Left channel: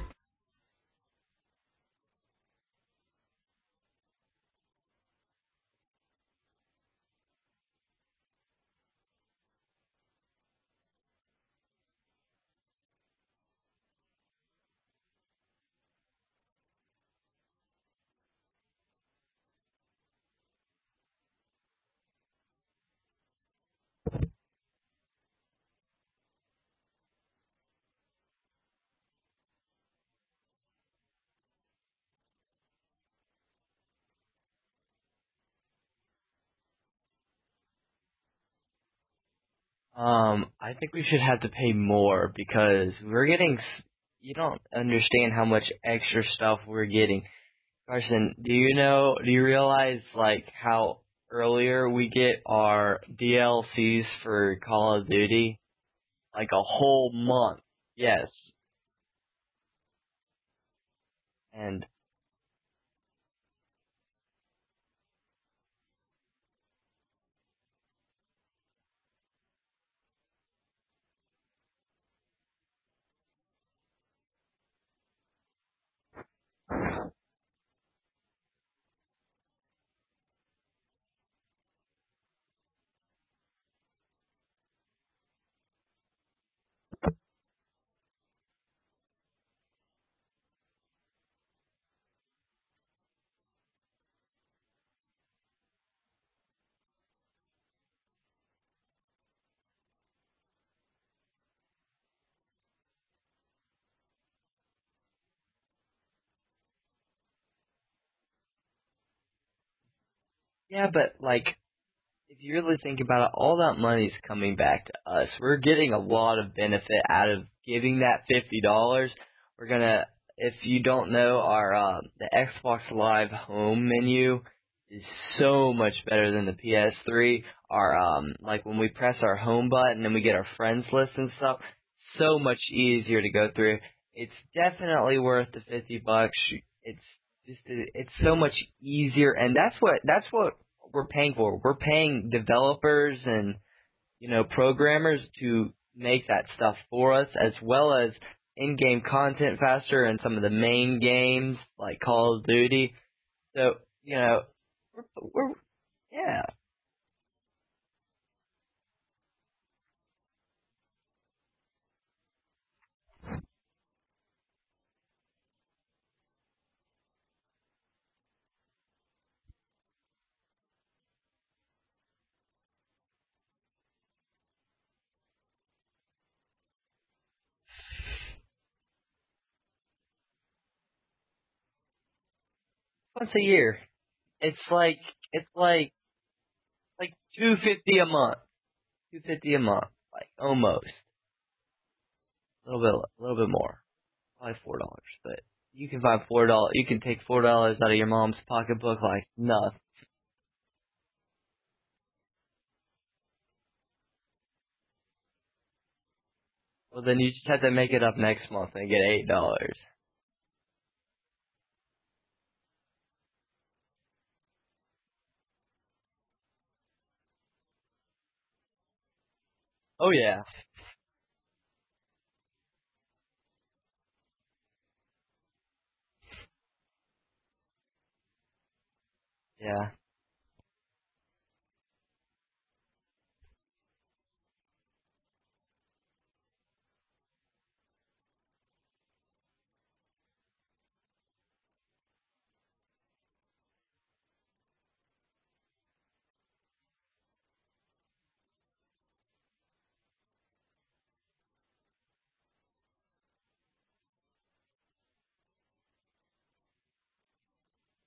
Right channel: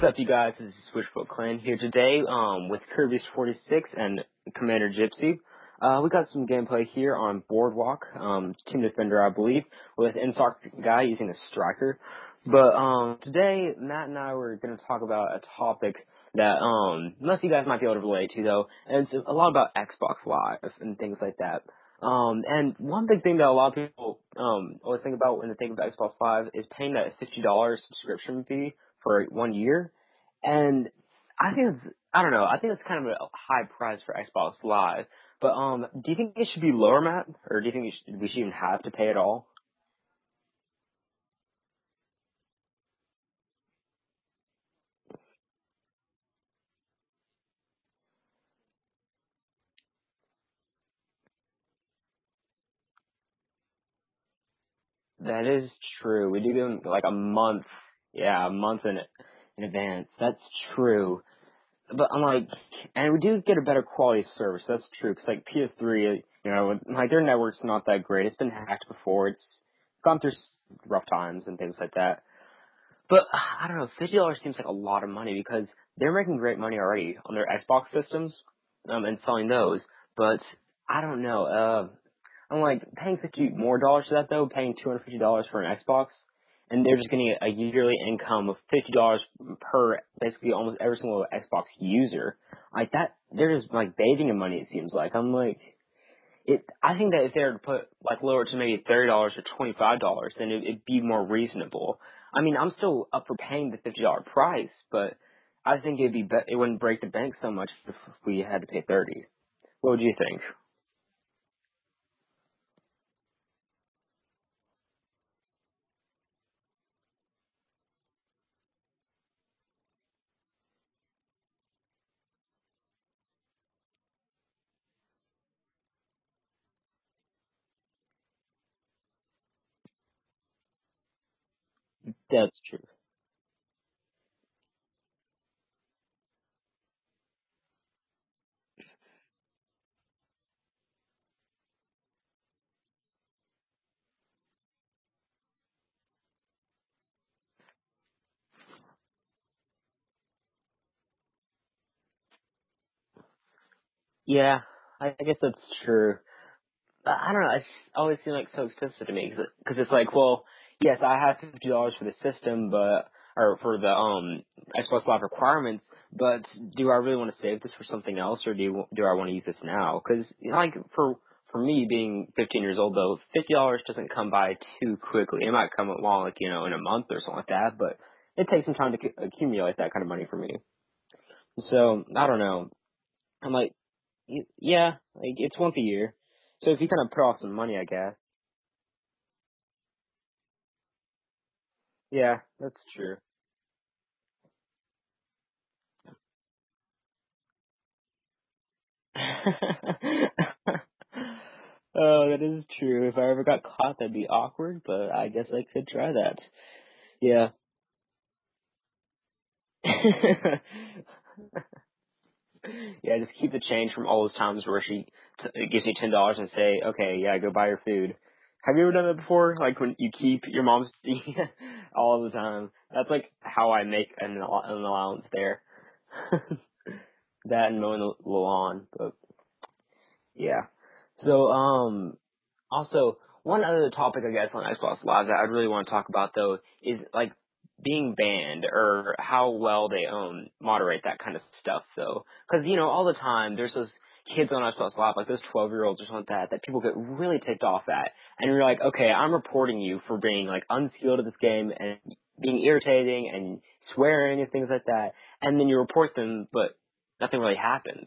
What's up, you guys? This is Switchfoot Clan here today with Kirby's46 and Commander Gypsy. We got some gameplay here on Boardwalk, Team Defender, I believe, with Insoc guy using a striker. But today, Matt and I were going to talk about a topic that most of you guys might be able to relate to, though, and it's a lot about Xbox Live and things like that. And one big thing that a lot of people always think about when they think of Xbox Live is paying that $50 subscription fee for 1 year. And I think it's kind of a high price for Xbox Live. But do you think it should be lower, Matt? Or do you think we should even have to pay at all? I think we should have to pay more because you don't understand how much extra stuff we're getting. Carson, do you realize, like, how earlier we get our DLCs for Call of Duty? That is true. Like a whole month. Yes. Yeah, a month in advance. That's true. But and we do get a better quality of service. That's true. Because like PS3, their network's not that great. It's been hacked before. It's gone through rough times and things like that. But I don't know. $50 seems like a lot of money because they're making great money already on their Xbox systems and selling those. But I don't know. I'm like paying $50 more for that though. Paying $250 for an Xbox. And they're just getting a yearly income of $50 per basically almost every single Xbox user. Like that, they're just like bathing in money. It seems like I think that if they were to put like lower to maybe $30 or $25, then it'd be more reasonable. I mean, I'm still up for paying the $50 price, but I think it wouldn't break the bank so much if we had to pay $30. What would you think? Yeah, but like, if you really think about it, all that money's coming back to us. We're getting a lot of benefit out of giving that $50. If you don't know, the Xbox Live home menu is so much better than the PS3. Like when we press our home button and we get our friends list and stuff, so much easier to go through. It's definitely worth the $50. It's so much easier, and that's what we're paying for. We're paying developers and, programmers to make that stuff for us, as well as in-game content faster and some of the main games like Call of Duty. So, Yeah, I guess that's true. Yeah. I don't know. It's always seemed like so expensive to me because it's like, well, yes, I have $50 for the system, or for the Xbox Live requirements. But do I really want to save this for something else, or do I want to use this now? Because like for me being 15 years old, though, $50 doesn't come by too quickly. It might come along like in a month or something like that, but it takes some time to accumulate that kind of money for me. So I don't know. Once a year. It's once a year. So if you kind of put off some money, I guess. $250 a month. $250 a month, like almost. Yeah, a little bit more, probably $4, but. You can find $4. You can take $4 out of your mom's pocketbook like nothing. Oh, that is true. If I ever got caught, that'd be awkward. But I guess I could try that. Well, then you just have to make it up next month and get $8. Yeah, just keep the change from all those times where she gives you $10 and say, "Okay, yeah, go buy your food." Have you ever done that before? Like when you keep your mom's all the time. That's like how I make an allowance there. That and mowing the lawn, but yeah. So also one other topic I guess on Xbox Live that I'd really want to talk about though is like being banned or how well they moderate that kind of stuff. So because all the time there's those kids on Xbox Live, like those 12-year-olds or something like that people get really ticked off at. And you're like, okay, I'm reporting you for being like unskilled at this game and being irritating and swearing and things like that. And then you report them, but nothing really happens.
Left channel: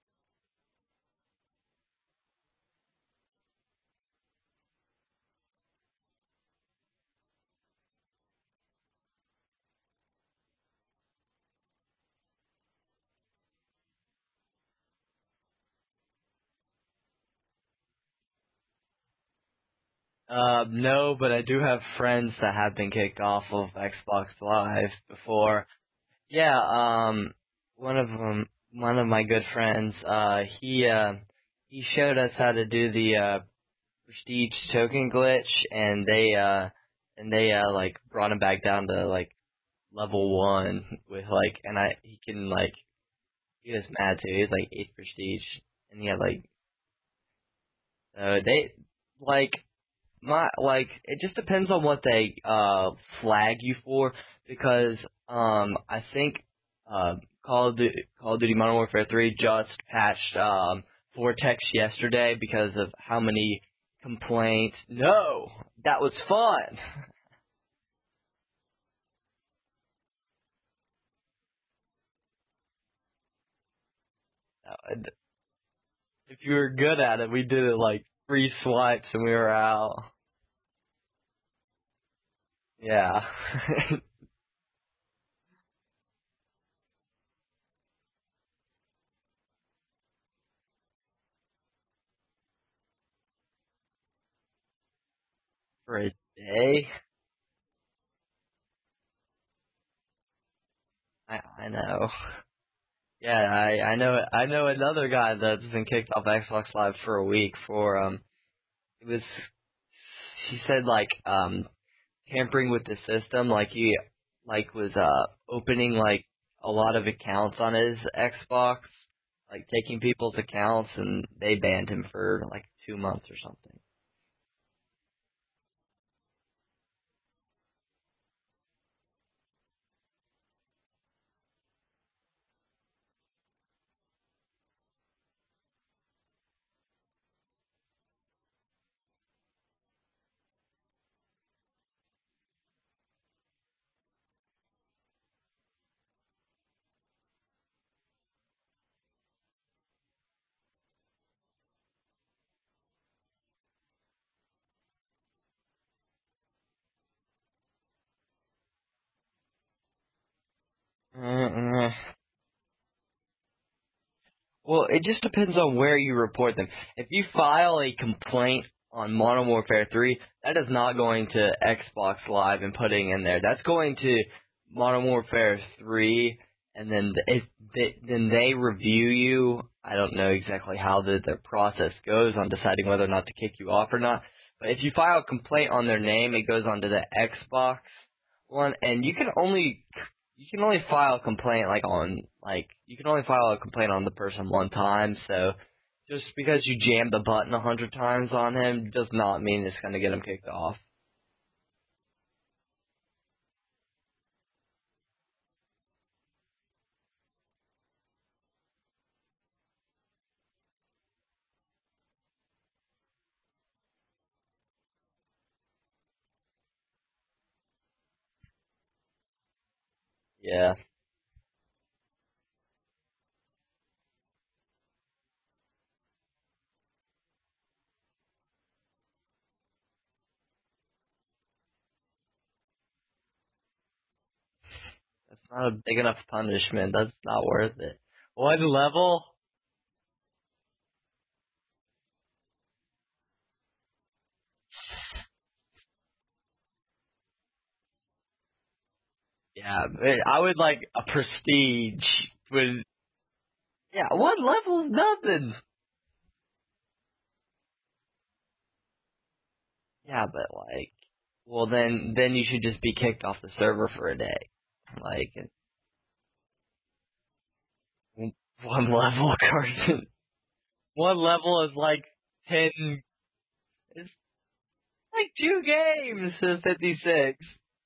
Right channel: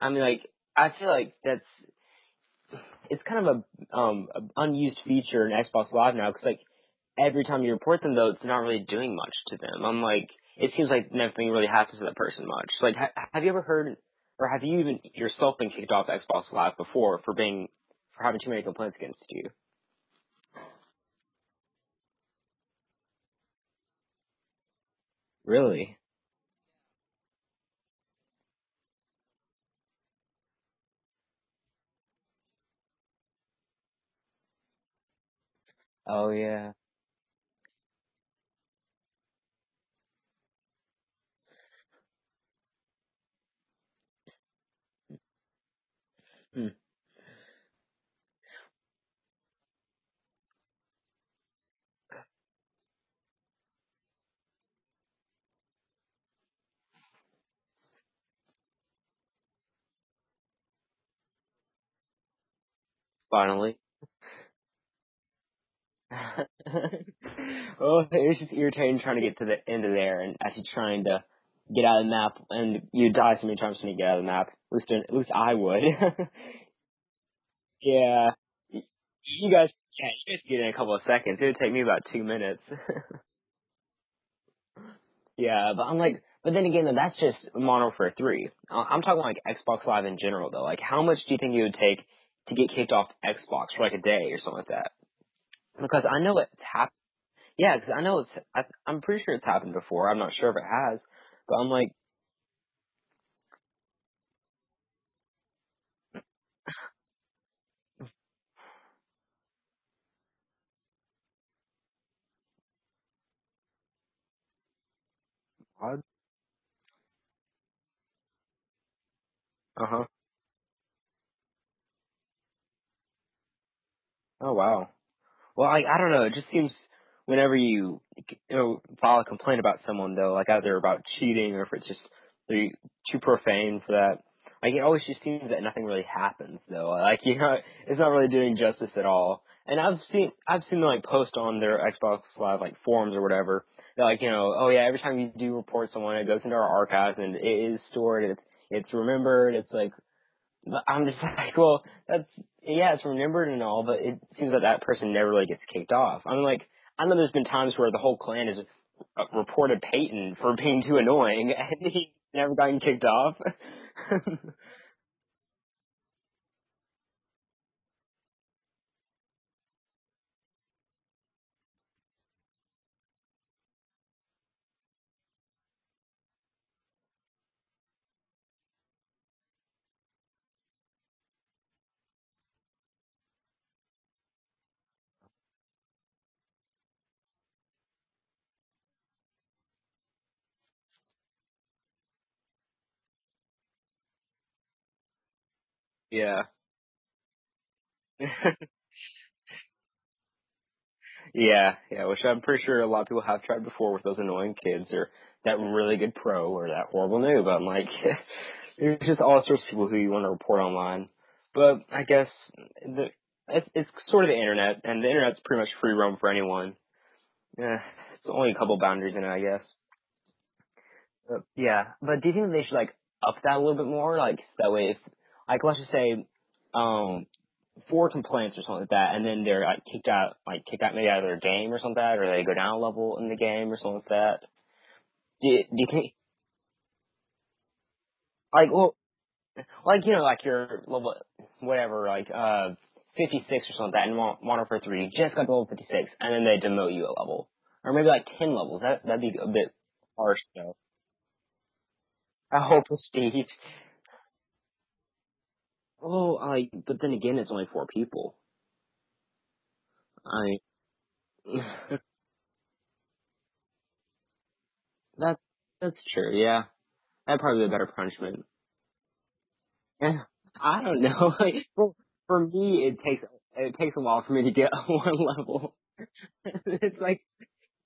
I mean, like, I feel like it's kind of a unused feature in Xbox Live now because like every time you report them though, it's not really doing much to them. I'm like, it seems like nothing really happens to that person much. Like, have you ever heard? Or have you even yourself been kicked off Xbox Live before for having too many complaints against you? No, but I do have friends that have been kicked off of Xbox Live before. Really? Yeah. One of my good friends, he showed us how to do the prestige token glitch, and they like brought him back down to like level 1 with like, and he can like, he was mad too. He was like 8th prestige, and he had like, they like it just depends on what they flag you for, because I think Call of Duty Modern Warfare 3 just patched Vortex yesterday because of how many Finally. complaints. No, that was fun. Well, it was just irritating trying to get to the end of there and actually trying to get out of the map, and you die so many times when you get out of the map. At least I would. If you were good at it, we did it like 3 swipes and we were out. Yeah, you guys get in a couple of seconds. It would take me about 2 minutes. Yeah. Yeah, but then again, though, that's just Modern Warfare 3. I'm talking like Xbox Live in general, though. Like, how much do you think it would take to get kicked off Xbox for like a day or something like that? Because I know yeah, because I know I'm pretty sure it's happened before. I'm not sure if it has, but I'm like, know. Yeah, I know another guy that's been kicked off Xbox Live for a week for he said like tampering with the system, like he was opening like a lot of accounts on his Xbox, like taking people's accounts, and they banned him for like 2 months or something. Oh wow. Well, I don't know. It just seems whenever you file a complaint about someone, though, like either about cheating or if it's just they're too profane for that, like it always just seems that nothing really happens, though. Like, it's not really doing justice at all. And I've seen them like post on their Xbox Live like forums or whatever. They're like, oh yeah, every time you do report someone, it goes into our archives and it is stored. It's remembered. It's like, I'm just like, well, it's remembered and all, but it seems like that person never really gets kicked off. I mean, like, I know there's been times where the whole clan has reported Peyton for being too annoying, and he's never gotten kicked off. Well, it just depends on where you report them. If you file a complaint on Modern Warfare 3, that is not going to Xbox Live and putting in there. That's going to Modern Warfare 3, and then then they review you. I don't know exactly how their process goes on deciding whether or not to kick you off or not. But if you file a complaint on their name, it goes onto the Xbox one, and you can only file a complaint you can only file a complaint on the person one time. So just because you jammed the button 100 times on him does not mean it's going to get him kicked off. Yeah, which I'm pretty sure a lot of people have tried before with those annoying kids or that really good pro or that horrible noob. I'm like, there's just all sorts of people who you want to report online. But I guess it's sort of the internet, and the internet's pretty much free roam for anyone. Yeah, it's only a couple boundaries in it, I guess. Yeah. But do you think they should like up that a little bit more? Like that way, if like let's just say, 4 complaints or something like that, and then they're kicked out maybe out of their game or something like that, or they go down a level in the game or something like that. That's not a big enough punishment. That's not worth it. What level? Like like your level, whatever, like 56 or something like that in Modern Warfare 3. You just got to level 56, and then they demote you a level. Or maybe like 10 levels. That'd be a bit. Yeah, I would like a prestige. Prestige. Yeah, what level is nothing? Oh, but then again, it's only 4 people. Yeah, but well, then you should just be kicked off the server for a day. That's true. Yeah, that'd probably be a better punishment. 1 level, Carson. I don't know. 1 level is like for me. It takes a while for me to get 1 level. 2 games to 56.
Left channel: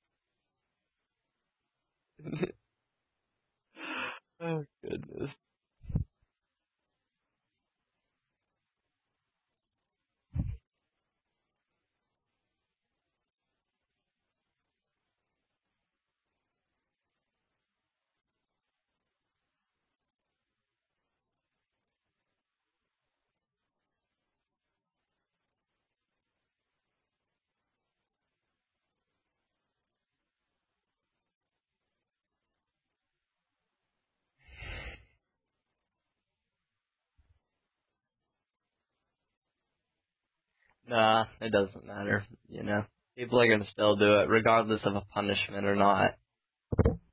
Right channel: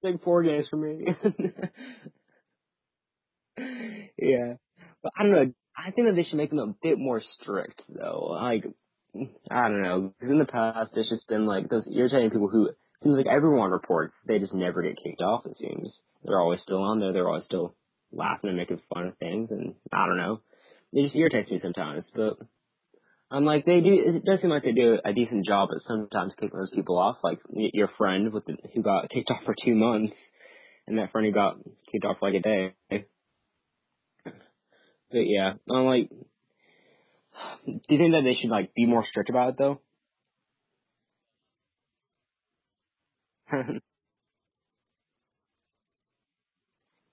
Like 4 games for me. Yeah, but I don't know. I think that they should make them a bit more strict, though. Like, I don't know. Because in the past, it's just been like those irritating people who it seems like everyone reports. They just never get kicked off. It seems they're always still on there. They're always still laughing and making fun of things, and I don't know. It just irritates me sometimes. But I'm like, they do. It does seem like they do a decent job at sometimes kicking those people off. Like your friend who got kicked off for 2 months, and that friend who got kicked off for like a day. But yeah, I'm like, do you think that they should like be more strict about it though? Nah, it doesn't matter. People are gonna still do it regardless of a punishment or not.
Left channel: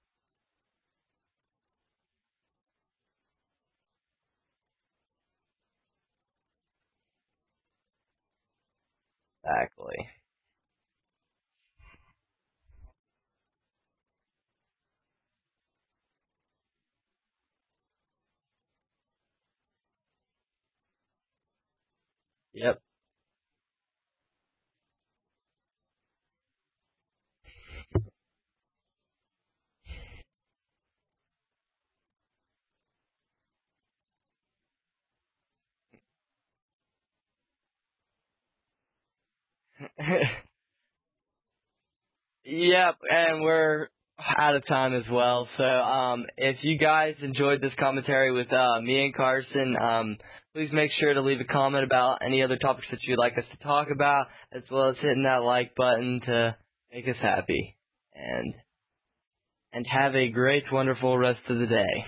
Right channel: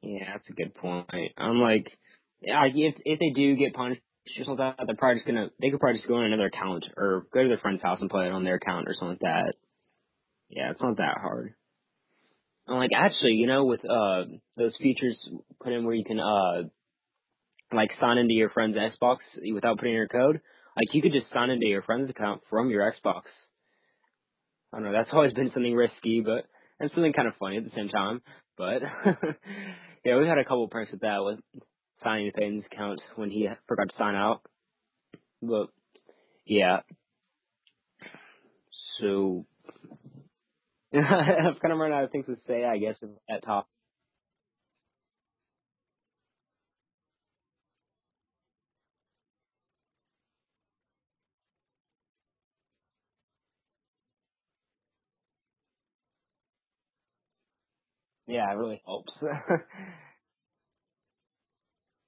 Yeah, that's a good point. I'm like, if they do get punished or something like that, they could probably just go on another account or go to their friend's house and play it on their account or something like that. Exactly. Yeah, it's not that hard. And like actually, with those features put in where you can like sign into your friend's Xbox without putting in your code, like you could just sign into your friend's account from Yep. your Xbox. I don't know, that's always been something risky, but and something kind of funny at the same time. But yeah, we've had a couple pranks with that, with signing Peyton's account when he forgot to sign out. But yeah, so I've kind of run out of things to say. I Yep, guess that's and that top. we're out of time as well. So if you guys enjoyed this commentary with me and Carson, please make sure to leave a comment about any other topics that you'd like us to talk about, as well as hitting that like button to make us happy. Yeah, And it really helps. and have a great, wonderful rest of the day.